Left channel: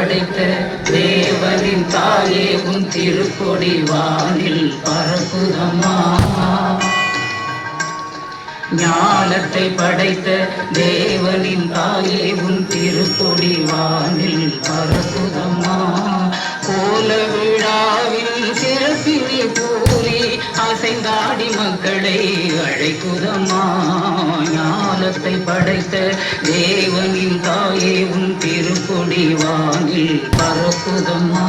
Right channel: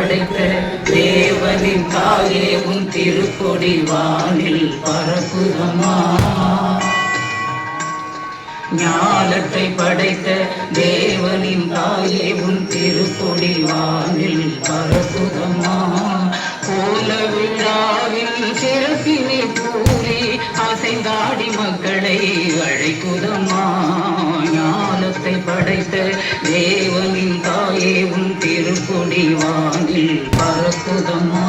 படைத்த தேவனின் தாயே உன் திருக்கொடி வானில் பரப்புதம்மா. ஞானத்தை படைத்த தேவனின் தாயே உன் திருக்கொடி வானில் பரப்புதம்மா. கோல விழாவில் சிறப்பினை கூறி அசைந்தாடி மக்களை அழைக்குதம்மா. ஞானத்தை படைத்த தேவனின் தாயே உன் திருக்கொடி வானில் பரப்புதம்மா.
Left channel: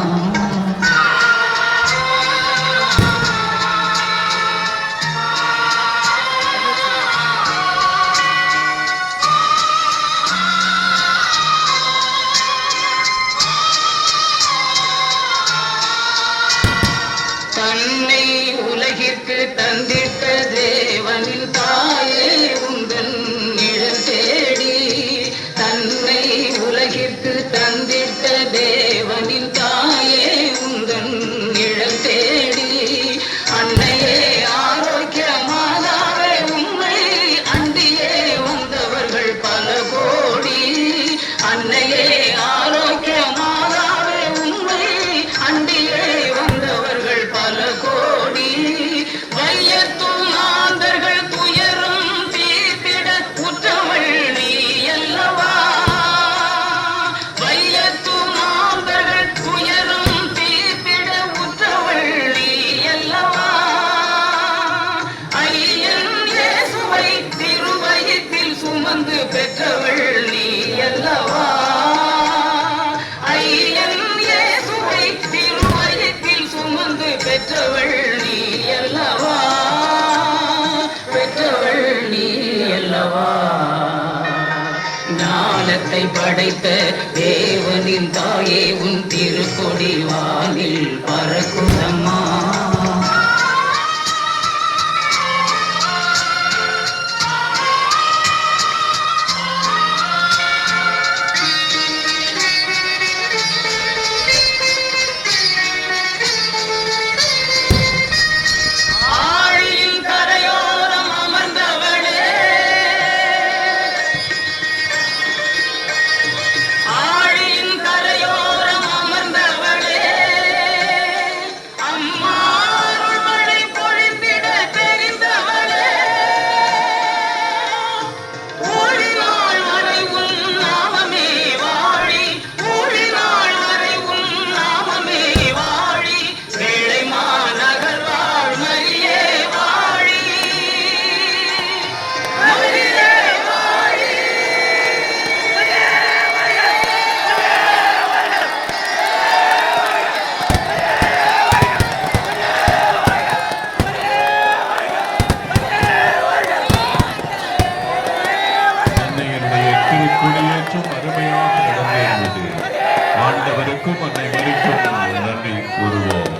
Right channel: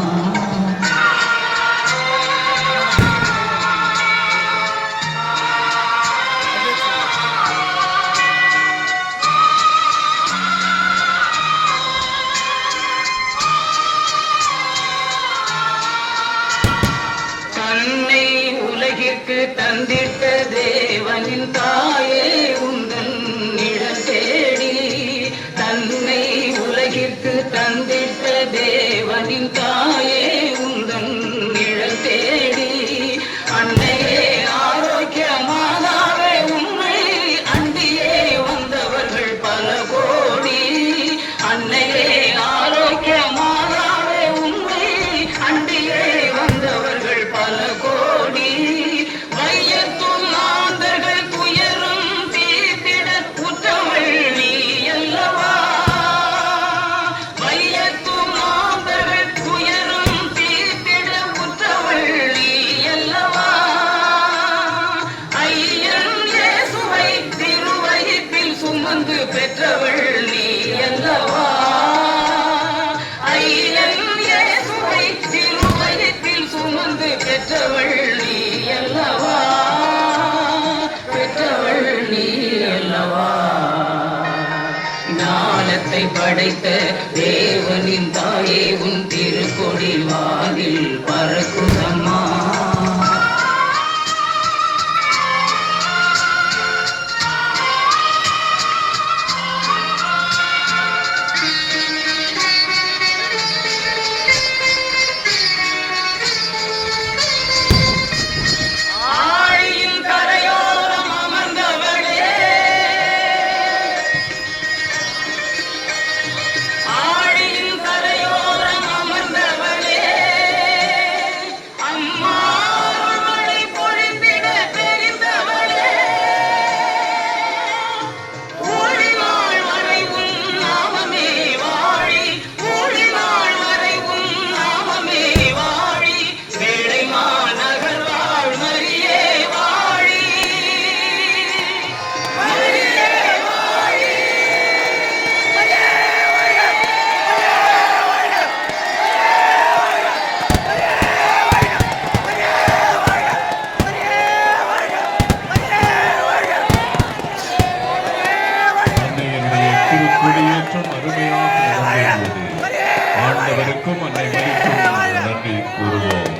உலகிற்கு தந்திட்ட தேவனின் தாயே உந்தன் நிழல் தேடி. தன்னை உலகிற்கு தந்திட்ட தேவனின் தாயே உந்தன் நிழல் தேடி. அன்னையே ஆரோக்கிய மாதாவே உண்மை அண்டியே வந்தவர்கள் பல கோடி. அன்னையே ஆரோக்கிய மாதாவே உண்மை அண்டியே வந்தவர்கள் பல கோடி. வையத்தும் ஆந்தர்கள் துயரும் தீர்த்திட உற்றவள் நீ அல்லவா. வையத்தும் ஆந்தர்கள் துயரும் தீர்த்திட உற்றவள் நீ அல்லவா. ஐயன் இயேசுவை திருவயிற்றில் சுமந்து பெற்றவள் நீ அல்லவா. ஐயன் இயேசுவை திருவயிற்றில் சுமந்து பெற்றவள் நீ அல்லவா. பெற்றவள் நீ அல்லவா. ஞானத்தை படைத்த தேவனின் தாயே உன் திருக்கொடி வானில் பறக்குதம்மா. குடியேற்றம் அருமையாக நடந்தது. ஆண்டவருக்கும்